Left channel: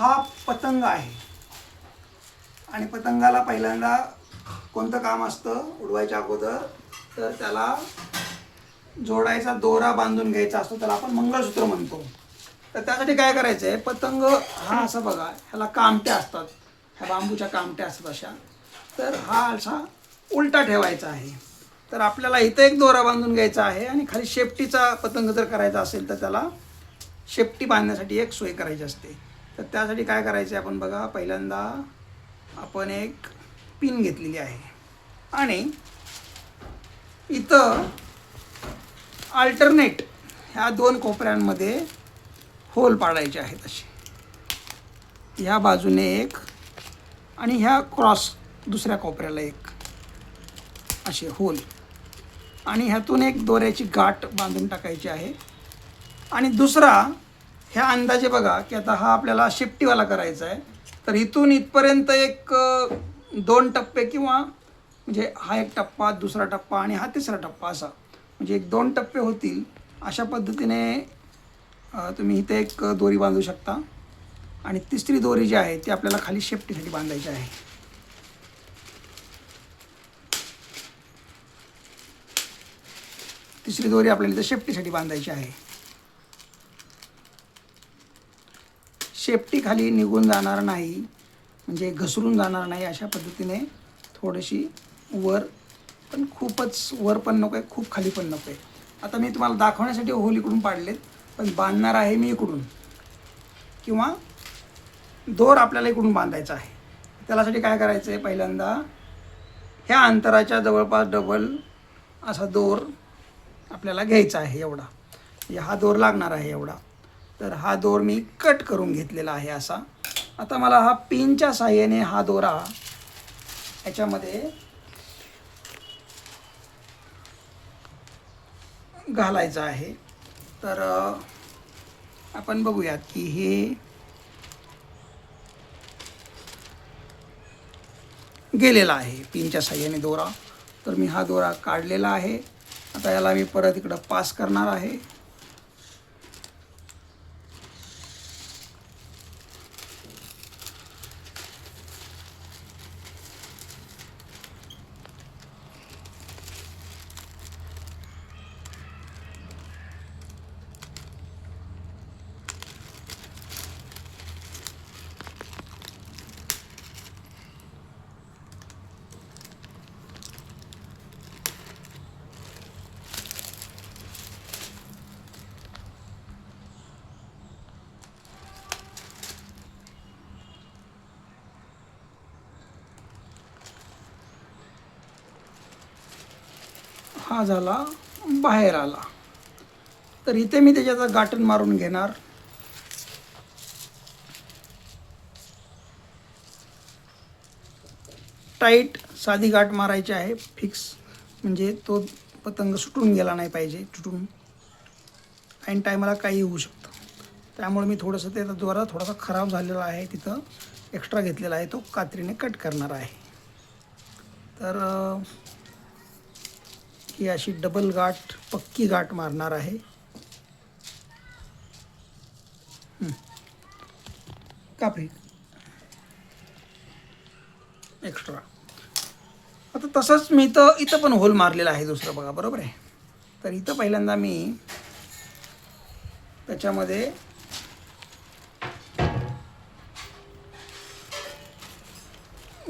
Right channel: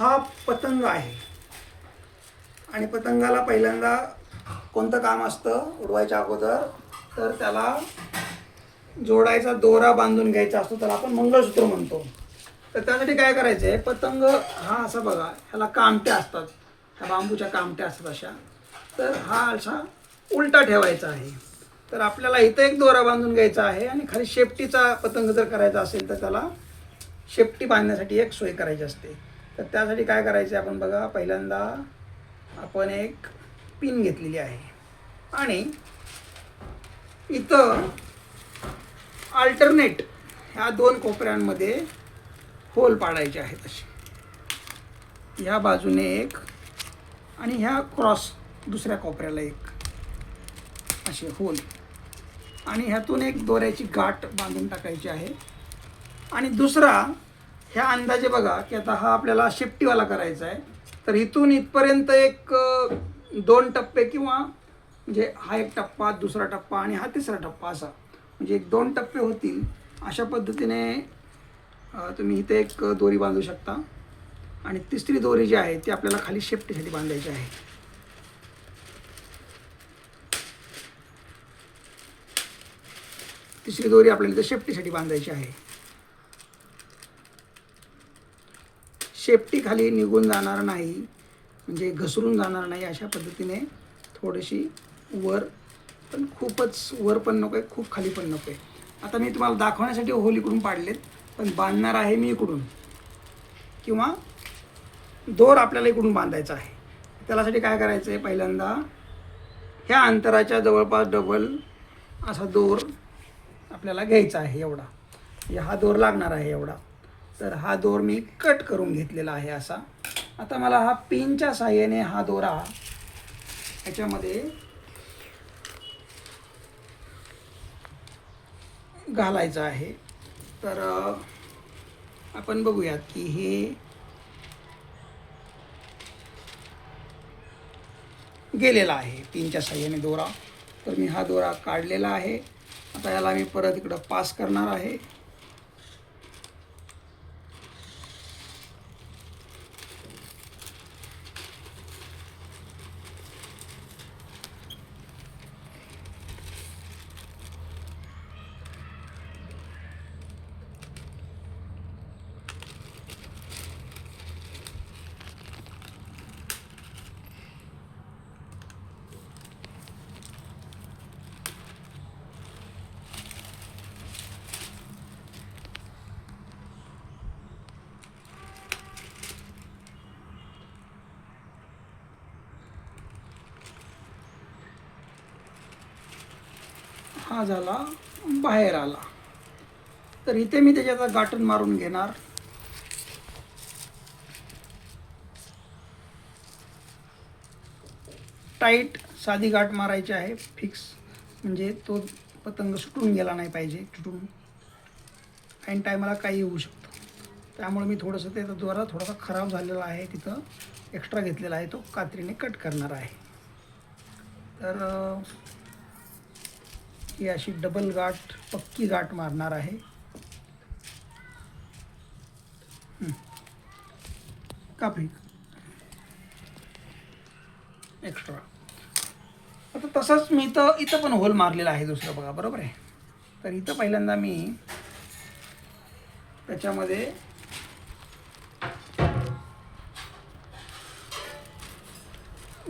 हा पतंग आहे आणि पतंगाला पहिल्यांदा कोणतं काम असतं उडवायच्या अगोदर, तर त्याला जोडायचा दोरा बांधून घ्यायचा असतो, त्याला आपण मंगळसूत्र म्हणतो. तर त्यासाठी काय करायचं आहे, पतंग हा असा बघा, ह्याला कामट्या असतात, ह्या बांबूच्या कामट्या असतात अशा, तर हा असा उलटा ठेवायचा आहे. तर आपल्याला इथं एक दोरा बांधून घ्यायचा आहे आणि खाली शेपटीचा पतंग जर करायचा असेल तर त्याला शेपटी बांधण्यासाठी एक सोय करायची असते. तर त्यासाठी काय करायचं आहे आपण बघा, पहिल्यांदा आपण एक पिन घेतलेली आहे आणि इथं अल्टरनेट ह्या दोन कोपऱ्यांमध्ये होल पाडायचे आहेत असे, ह्या बाजूने एक आणि ह्या क्रॉस दुसऱ्या कोपऱ्याला एक असे होल, आणि ह्यातून एक दोऱ्याची गाठ बांधून टाकायची आहे. आणि दुसरा ह्या अंदाजे बघा की आता हा आपल्याला शेपटीवाला करायचा आहे, तर इथून इथपर्यंत एक 2 टप्पे किंवा म्हणजे हा एक टप्पा, दुसरा टप्पा आणि हा तिसरा टप्पा, असा म्हणजे एक 2 टप्पे होतील. अशा पद्धतीने तुम्ही इथे एक दोरी बांधू शकता आणि तिसरी दोरी जी आहे ती आपल्याला खाली शेपटीसाठी बांधायची आहे. तिसरी दोरी आपल्याला इथे शेपटीसाठी बांधायची आहे. शेपटी खाली निघून जाणार नाही, म्हणजे घसरून जाणार नाही, अशा पद्धतीने थोडीशी वर, पण खूपच वर पण नको आहे, खूप खाली पण नको आहे. आता मी तुम्हाला दाखवण्यासाठी होल इकडून पाडलेत, पण बांधणार आहे मी इकडून, किंवा दोर आपल्याला इकडून बांधायचा आहे. त्यासाठी काय करायचं आहे, पहिल्यांदा ह्या अंतराच्या जवळपास डबल असा दोर आपल्याला घ्यायचा आहे, एवढा हा दोर लागणार आहे एवढा. तर हा दोर मी कट करून घेतलेला आहे असा. आता मला हा पिनच्या साहाय्याने हा दोरा याच्यामध्ये घालायचा आहे. तर आपण बघूयात की हे गेलेला आहे पिनच्या साहाय्याने दोरा. तर मी हा दोरा काढलेला आहे. आता याला मी परत इकडं पास करणार आहे. हा झाला, बाहेर आला. तर इथे मी त्याच्याचा गाठण मारून घेणार. टाईट साधी गाठ मारायची आहे, फिक्स, म्हणजे तो पतंग सुटून गेला नाही पाहिजे. तुटून ऐन टायमाला काही होऊ शकतं. त्यामुळे मी थोडंसं त्याचा दोरा थोडासा खराब झालेला आहे, तिथं एक्स्ट्रा घेतलेला आहे, तो कात्रीने कट करणार आहे. तर ही अशी डबल गाठ, पक्की गाठ मारणार आहे. कापली एक्स्ट्रा. आता तसंच मी इथं पण होल मारलेला आहे दुसरं बघा, बरोबर आहे. तर इथं पहिल्यांदा मी त्याच्यामध्ये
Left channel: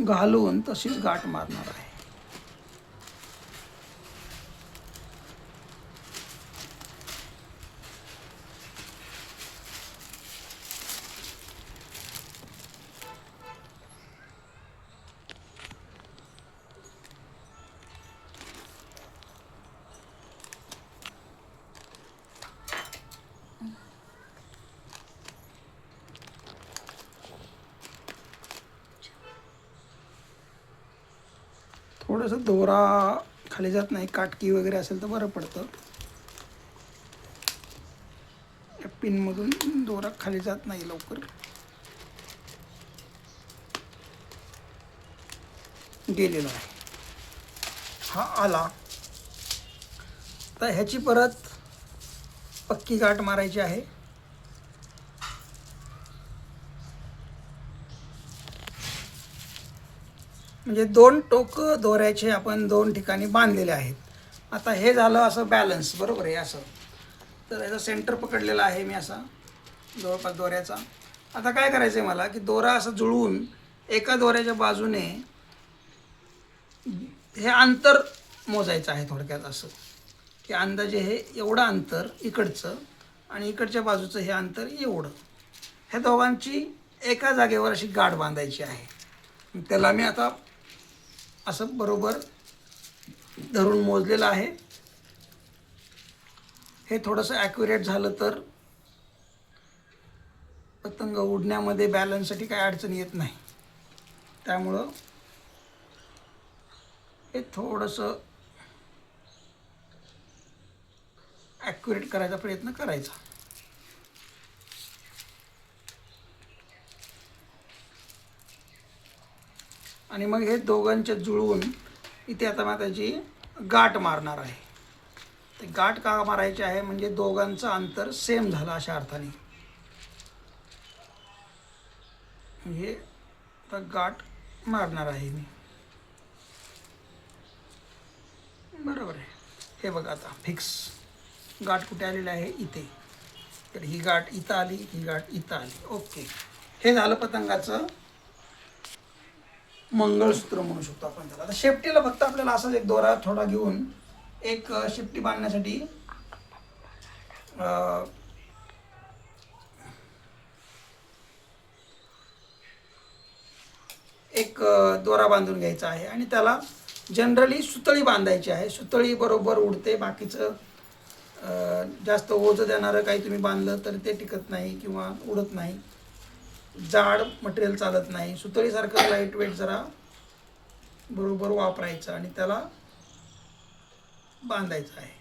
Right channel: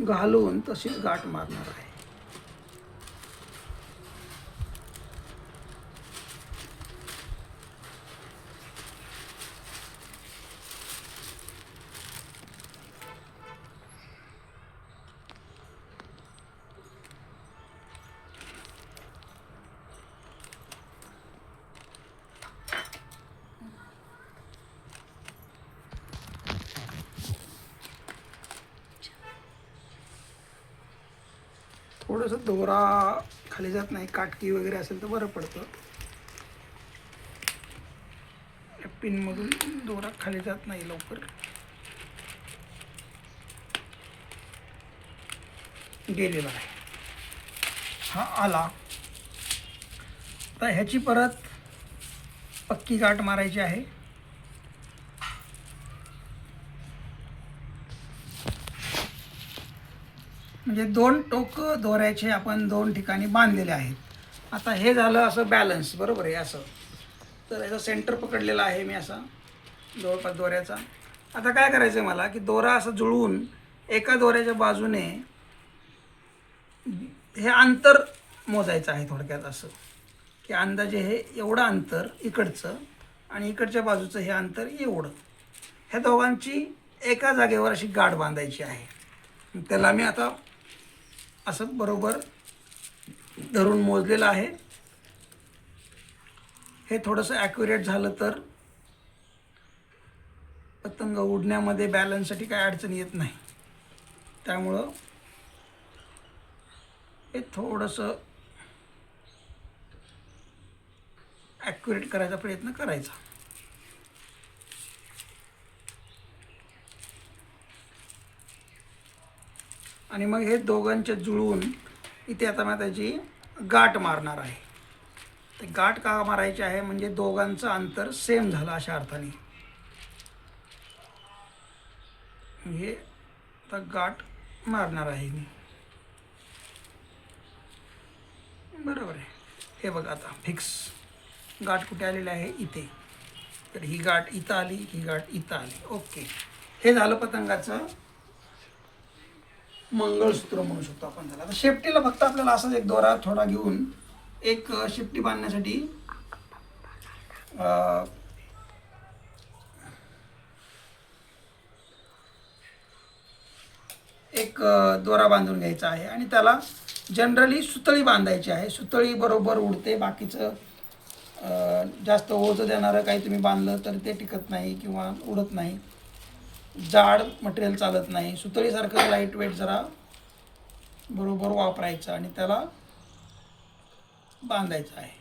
घालून तशीच गाठ मारणार आहे. थोडंसं दोरा खाली जात नाही, काटकी वगैरे असेल तर बरं पडतं. या पिनमधून दोरा खाली जात नाही लवकर. गेलेला आहे, हा आला. तर ह्याची परत पक्की गाठ मारायची आहे. म्हणजे 2 टोक दोऱ्याचे आपण 2 ठिकाणी बांधलेले आहेत. आता हे झालं असं बॅलन्स, बरोबर आहे असं. तर याचा सेंटर पकडलेला आहे मी असा जवळपास दोऱ्याचा. आता काय करायचं आहे मला की दोरा असं जुळवून एका दोऱ्याच्या बाजूने हे अंतर मोजायचं आहे. थोडक्यात असं की अंदाजे हे एवढं अंतर इकडचं आणि इकडच्या बाजूचं हे अंतर एवढं, ह्या दोघांची एका जागेवर अशी गाठ बांधायची आहे. त्याला मी आता असं बरोबर धरून मोजलेलं आहे. हे थोडंसं ॲक्युरेट झालं तर पतंग उडण्यामध्ये बॅलन्ससाठी काही अडचण येत नाही. त्यामुळं हे थोडंसं ॲक्युरेट करायचा प्रयत्न करायचा. आणि मग हे दोघांच्या जुळवून इथे आता मी त्याची गाठ मारणार आहे. ते गाठ का मारायची आहे म्हणजे दोघांचं अंतर सेम झालं अशा अर्थाने. हे आता गाठ मारणार आहे मी, बरोबर आहे. हे बघा आता फिक्स गाठ कुठे आलेली आहे, इथे. तर ही गाठ इथं आली, ही गाठ इथं आली. ओके, हे झालं पतंगाचं मंगळसूत्र म्हणू शकतो आपण त्याला. आता शेपटीला फक्त आपल्याला असाच एक दोरा थोडा घेऊन एक शेपटी बांधण्यासाठी एक दोरा बांधून घ्यायचा आहे आणि त्याला जनरली सुतळी बांधायची आहे. सुतळी बरोबर उडते. बाकीचं जास्त ओझं देणारं काही तुम्ही बांधलं तर ते टिकत नाही किंवा उडत नाही. जाड मटेरियल चालत नाही. सुतळीसारखं लाईट वेट जरा बरोबर वापरायचं आणि त्याला बांधायचं आहे.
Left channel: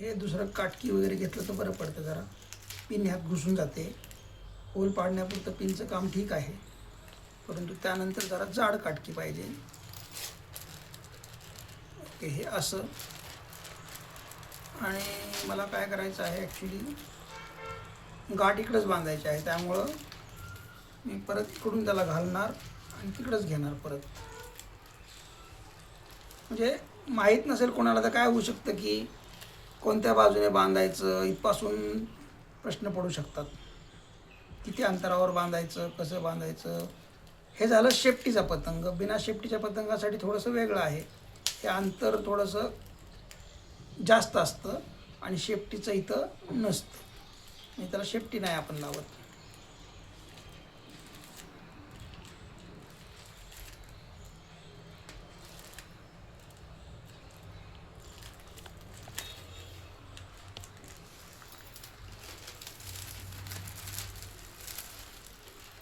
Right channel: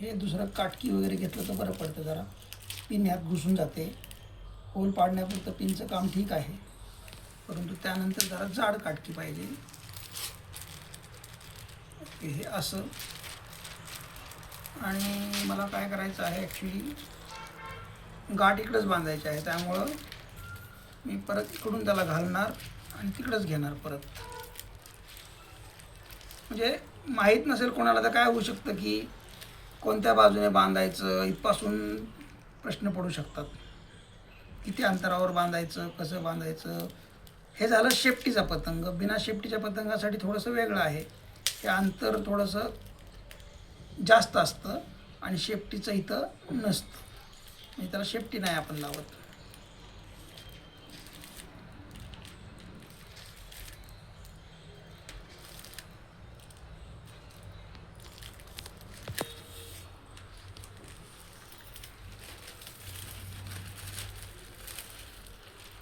हे दुसरं काटकी वगैरे घेतलं तर बरं पडतं. जरा पिन ह्यात घुसून जाते. होल पाडण्यापुरतं पिनचं काम ठीक आहे, परंतु त्यानंतर जरा जाड काटकी पाहिजे. ओके, हे असं. आणि मला काय करायचं आहे ॲक्च्युली गाठ इकडंच बांधायची आहे. त्यामुळं मी परत इकडून त्याला घालणार आणि तिकडंच घेणार परत. म्हणजे माहीत नसेल कोणाला तर काय होऊ शकतं की कोणत्या बाजूने बांधायचं, इथपासून प्रश्न पडू शकतात. किती अंतरावर बांधायचं, कसं बांधायचं. हे झालं शेपटीचा पतंग. बिना शेपटीच्या पतंगासाठी थोडंसं वेगळं आहे. हे अंतर थोडंसं जास्त असतं आणि शेपटीचं इथं नसतं. आणि त्याला शेपटी नाही आपण लावत.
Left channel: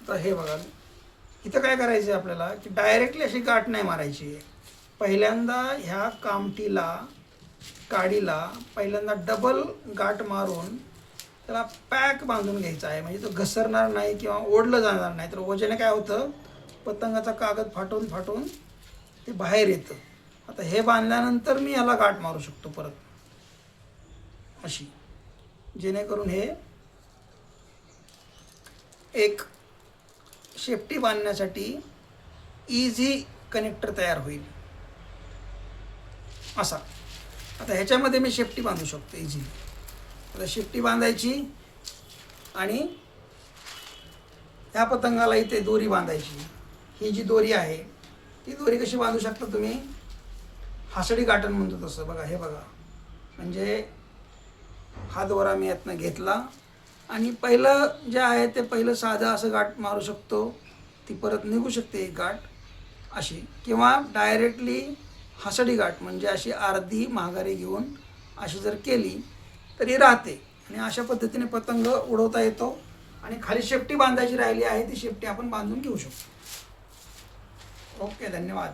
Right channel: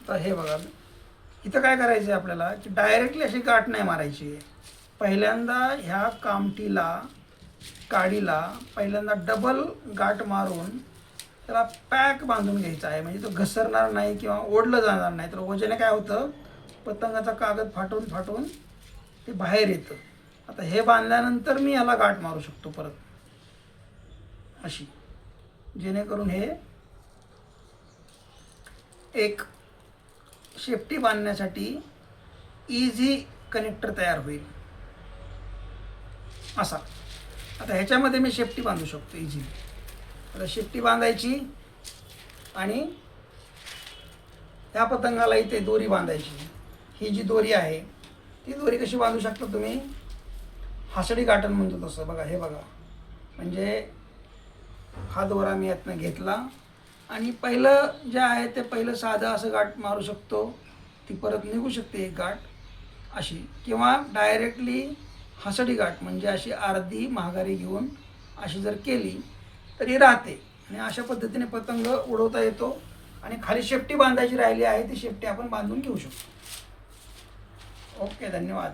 तर हे बघा, इथं काय करायचं आहे आपल्याला की डायरेक्टली अशी गाठ नाही मारायची आहे. पहिल्यांदा ह्या कामठीला, काडीला पहिल्यांदा डबल गाठ मारून त्याला पॅक बांधून घ्यायचा आहे. म्हणजे तो घसरणार नाही किंवा ओढलं जाणार नाही. तर ओझेने काय होतं, पतंगाचा कागद फाटून फाटून ते बाहेर येतं. आता हे बांधल्यानंतर मी ह्याला गाठ मारू शकतो परत अशी, जेणेकरून हे एक शेपटी बांधण्यासाठी इझी कनेक्टर तयार होईल असा. आता ह्याच्यामध्ये मी शेपटी बांधू शकतो इझी. आता शेपटी बांधायची आणि ह्या पतंगाला इथे दोरी बांधायची. ही जी दोरी आहे ती दोरी कशी बांधू शकता तुम्ही, हासडी गाठण म्हणतो तसं. बघा, हे बघा, म्हणजे हा दोरा मी यातनं घेतला आणि पहिलं जे आहे ते पहिलं साधं असं गाठ मारू शकतो. ती परत निघू शकते एक गाठ अशी, किंवा डायरेक्टली हासडी गाठ म्हणजे अशी अर्धी माघारी घेऊन अशी जर केली तरी राहते. आणि अशा पद्धतीने पतंग उडवता येतो. आणि खाली शेपटी बांधायची राहिली आहे ती शेपटी आपण बांधून घेऊ शकतो. ओके, धन्यवाद.